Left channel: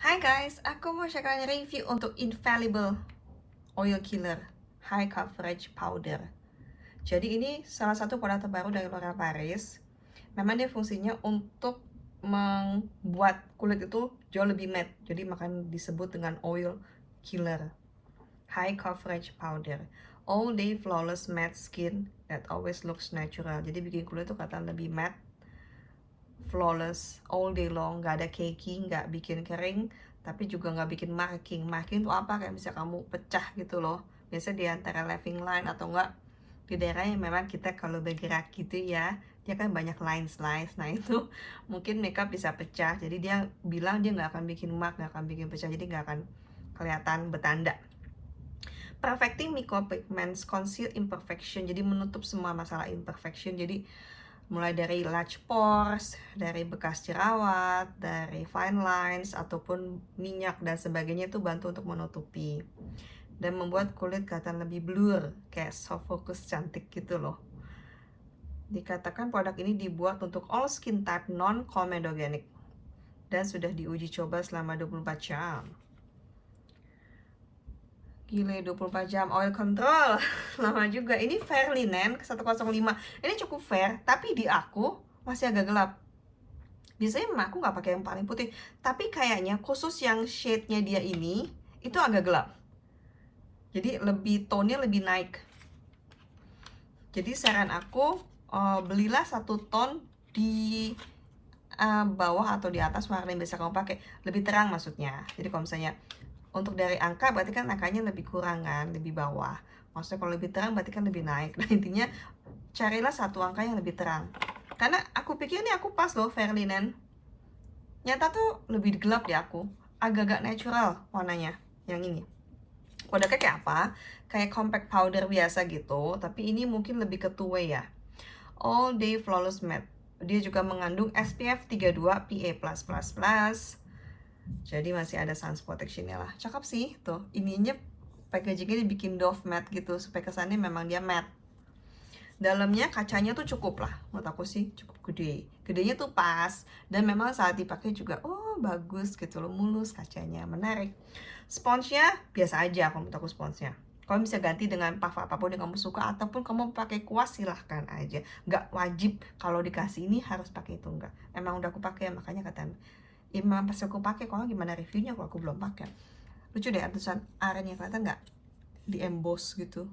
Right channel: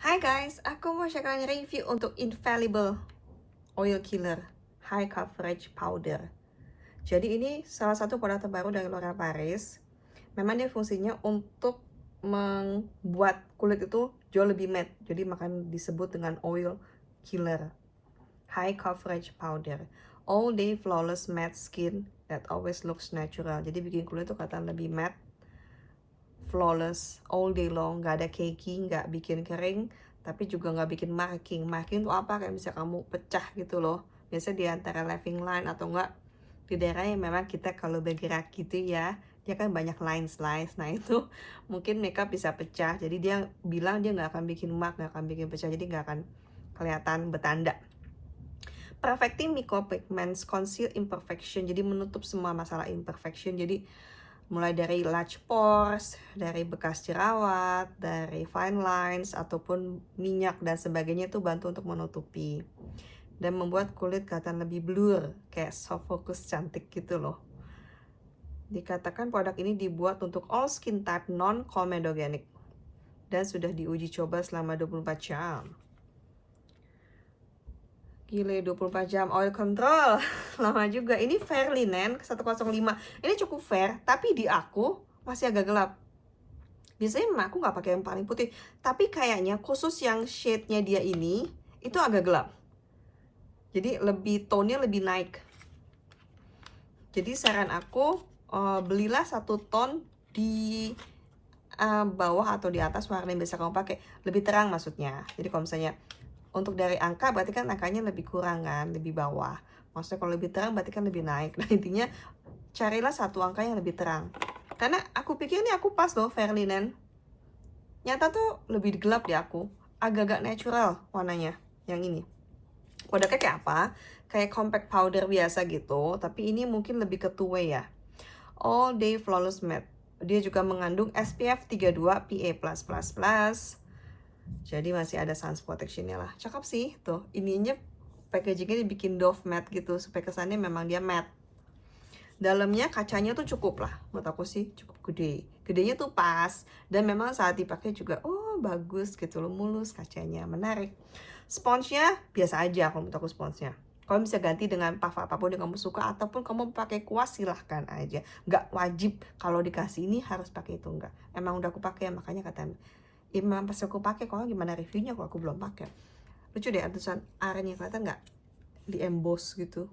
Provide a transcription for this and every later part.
Hai guys, aku mau share review untuk Infallible Oil Killer High Coverage Powder. Jadi ini salah satu produk terbaru dari L'Oreal Paris. Memang dia fungsinya untuk membuat kulit itu jauh lebih matte. Jadi makanya disebut dengan Oil Killer High Coverage Powder. All day flawless matte skin that always looks natural. Jadi bikin kulit itu kelihatan lebih matte, flawless all day long, nggak ada cakey, nggak bikin kering, tapi juga nggak bikin marking. Marking itu apa? Kayak bisa kamu pecah gitu loh. Biasa di antara leaving line atau enggak di daerah yang memang kita kalau bergerak gitu ya, dia kan banyak lines. Nah itu mungkin makeup bisa pecah. Jadi dia bilang dia nggak akan bikin mark, nggak akan bikin pecah. Jadi nggak akan kelihatan bertanda. Perfecting micropigments, conceal imperfection. Jadi menutup semua masalah imperfection. Jadi mulai dari large pores, dari bekas jerawat, dari fine lines, ataupun minyak dan sebagainya itu bantu untuk menutupi dan membuat kulit kelihatan lebih blur, kayak soft focus cantik gitu loh. Dikatakan produk ini dibuat untuk all skin type non-comedogenic dan sudah diuji coba selama 24 jam. Gile, 24 jam oil control. Lama juga. Ini fair linen 105. Ini cukup fair, tapi di aku masih agak gelap. Biasanya memang aku nggak pakai yang paling putih, tapi kayaknya khusus yang shade-nya dia ini itu agak gelap. Jadi lebih tone-nya lebih naik. Jadi saran aku belilah satu tone di bawah atau di atas warna yang bisa kamu pakai, lebih terang maksudnya. Jadi kalau misalnya untuk dari angka berarti kan angkanya lebih kurang kan, lebih bawah. Maksudnya kalau lebih terang berarti kan lebih naik. Nah intinya carilah satu angka yang lebih terang. Karena aku pikir ini aku pas loh fair linen. Nyata tuh lebih gelap di aku. Agak-agak natural warnanya yang ini. Produknya kayak apa? Kayak compact powder biasa gitu, tapi ini mungkin lebih ke two way ya. All Day Flawless Matte. Dia juga mengandung SPF 32 PA+++. Jadi masih ada sun protection-nya lah. Cakep sih tuh. Ininya packagingnya dibikin doff matte gitu supaya kesannya memang dia matte. Dalamnya kacanya tuh cukup lah, menurut aku sih cukup gede. Gedenya tuh pas dan memang saat dipakai juga bagus gitu loh, mulus kacanya, menarik. Sponsnya biasa aja kalau menurut aku sponsnya. Kamu bisa ganti dengan puff apapun yang kamu suka ataupun kamu pakai kuas silahkan aja. Nggak wajib kalau dikasih ini harus pakai itu, enggak. Emang udah aku pakai makanya kata ya memang pas aku pakai. Kalau gimana reviewnya kalau aku belum pakai. Lucu deh tulisan R-nya, kelihatan nggak di emboss gitu.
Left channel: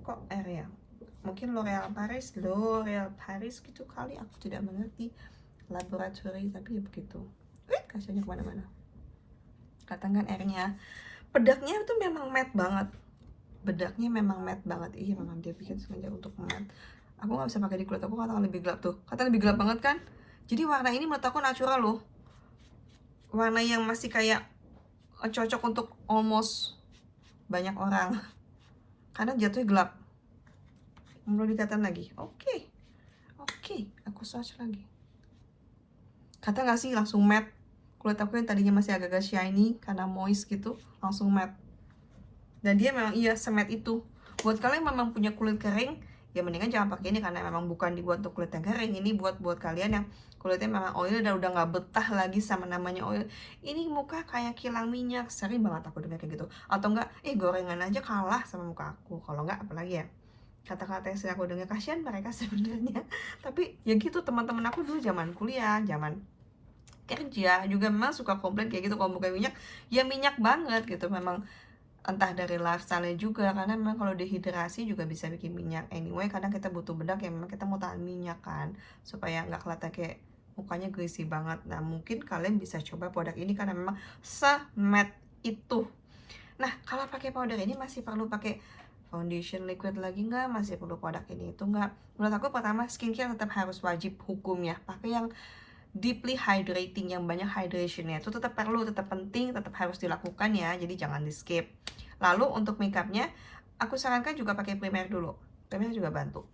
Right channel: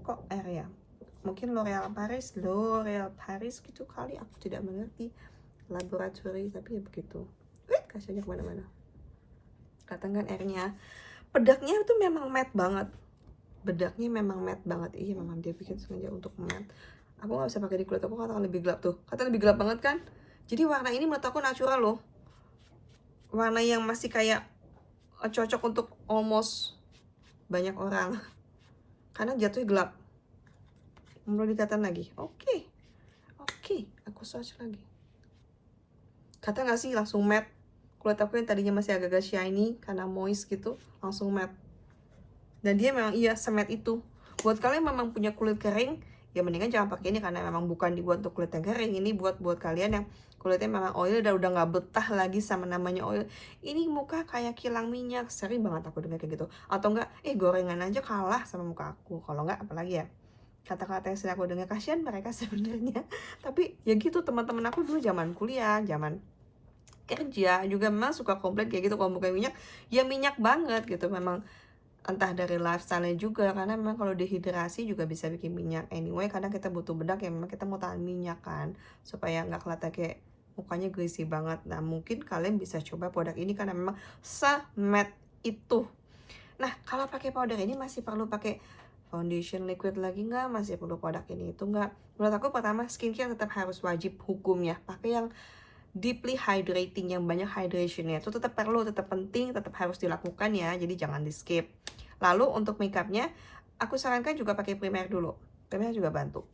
Kok R ya? Mungkin L'Oreal Paris gitu kali, aku tidak mengerti laboratori, tapi ya begitu. Kacanya kemana-mana. Katakan R-nya. Bedaknya itu memang matte banget. Bedaknya memang matte banget. Iya memang dia bikin sengaja untuk matte. Aku nggak bisa pakai di kulit aku, katakan lebih gelap tuh. Kata lebih gelap banget kan? Jadi warna ini menurut aku natural loh. Warna yang masih kayak cocok untuk almost banyak orang. Karena jatuhnya gelap. Mau dikatakan lagi. Oke, aku search lagi. Kata nggak sih langsung matte. Kulit aku yang tadinya masih agak-agak shiny karena moist gitu, langsung matte. Dan dia memang iya sematte itu. Buat kalian memang punya kulit kering, ya mendingan jangan pakai ini karena memang bukan dibuat untuk kulit yang kering. Ini buat kalian yang kulitnya memang oil dan udah nggak betah lagi sama namanya oil. Ini muka kayak kilang minyak, sering banget aku dengar kayak gitu. Atau enggak, gorengan aja kalah sama muka aku. Kalau enggak apalagi ya, kata-kata yang sering aku dengar, kasihan mereka sebenarnya. Tapi ya gitu, teman-teman aku dulu zaman kuliah, zaman kerja juga memang suka komplain kayak gitu, kalau muka minyak ya minyak banget gitu. Memang entah dari lifestyle juga, karena memang kalau dehidrasi juga bisa bikin minyak. Anyway, kadang kita butuh bedak yang memang kita mau tahan minyak kan, supaya nggak kelihatan kayak mukanya greasy banget. Nah mungkin kalian bisa coba produk ini karena memang se-matte itu. Nah kalau pakai powder ini masih perlu pakai foundation liquid lagi nggak? Masih perlu produk ini itu nggak? Menurut aku pertama, skincare tetap harus wajib hukumnya pakai yang deeply hydrating, yang banyak hydrationnya. Itu tetap perlu, tetap penting, tetap harus dilakukan ya, jadi jangan di skip. Lalu untuk makeupnya, aku sarankan juga pakai primer dulu. Primer juga bantu.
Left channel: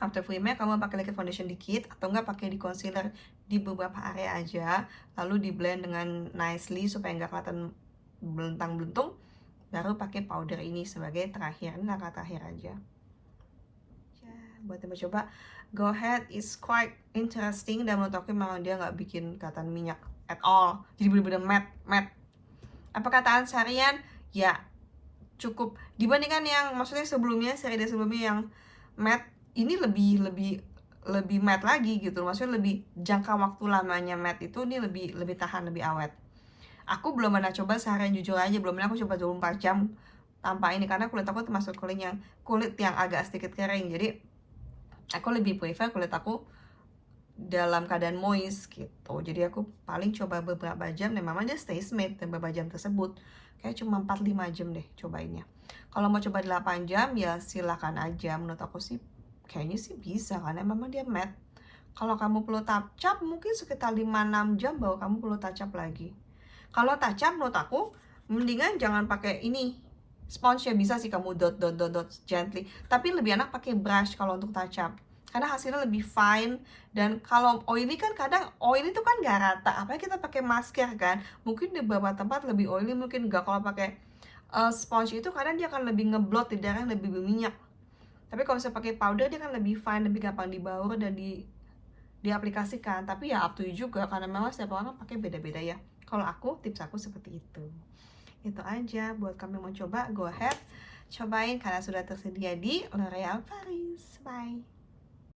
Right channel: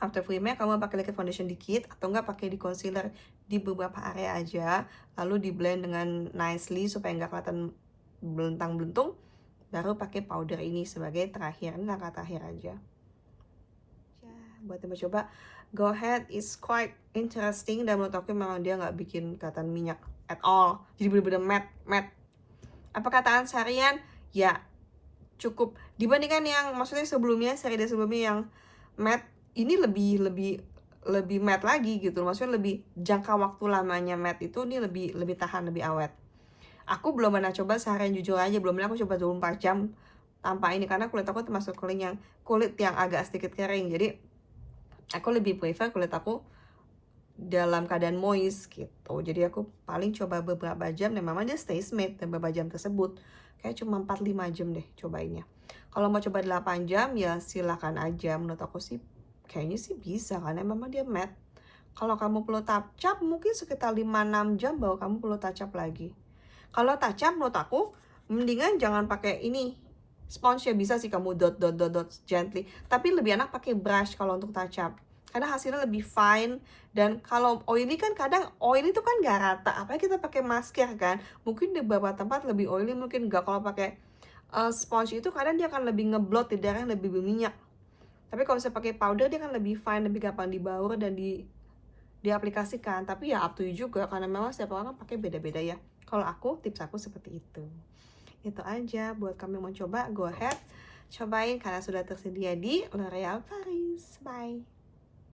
After primer kamu pakai liquid foundation dikit, atau enggak pakai di concealer di beberapa area aja, lalu di blend dengan nicely supaya nggak kelihatan belentang-belentung. Baru pakai powder ini sebagai terakhir. Ini langkah terakhir aja. Buat yang mau coba, go ahead, it's quite interesting dan menurut aku memang dia nggak bikin kelihatan minyak. at all, jadi bener-bener matte. Apakah tahan seharian? Ya cukup, dibandingkan yang maksudnya sebelumnya, seri dari sebelumnya yang matte, ini lebih matte lagi gitu, maksudnya lebih jangka waktu lamanya matte itu, ini lebih tahan, lebih awet. Aku belum pernah coba seharian, jujur aja belum pernah aku coba 24 jam tanpa ini, karena kulit aku termasuk kulit yang agak sedikit kering, jadi aku lebih prefer kulit aku dalam keadaan moist gitu. Jadi aku paling coba beberapa jam, dan memang dia stay smooth dan beberapa jam tersebut kayak cuma 4-5 jam deh cobainnya. Kalau mau coba 8 jam ya silakan aja, menurut aku sih kayaknya sih bisa, karena memang dia matte. Kalau kamu perlu touch up mungkin sekitar 5-6 jam baru kamu perlu touch up lagi. Kalau touch up menurut aku mendingan jangan pakai ini sponge, ya bisa sih kamu dot gently, tapi lebih enak pakai brush kalau untuk touch up, karena hasilnya lebih fine. Dan kalau oily kan kadang oily itu kan gak rata, apalagi kita pakai masker kan, mungkin di beberapa tempat lebih oily, mungkin gak. Kalau pakai sponge itu kadang dia akan lebih ngeblot di daerah yang lebih berminyak, tapi kalau misalnya pakai powder dia kan lebih fine, lebih gampang dibaur dan diaplikasikan. Tapi ya up to you juga, karena memang setiap orang pakai beda-beda ya. Kalau aku, tips aku seperti itu. Itu aja, buat kami mau coba, go ahead cobain karena sudah tersedia di L'Oreal Paris. Bye.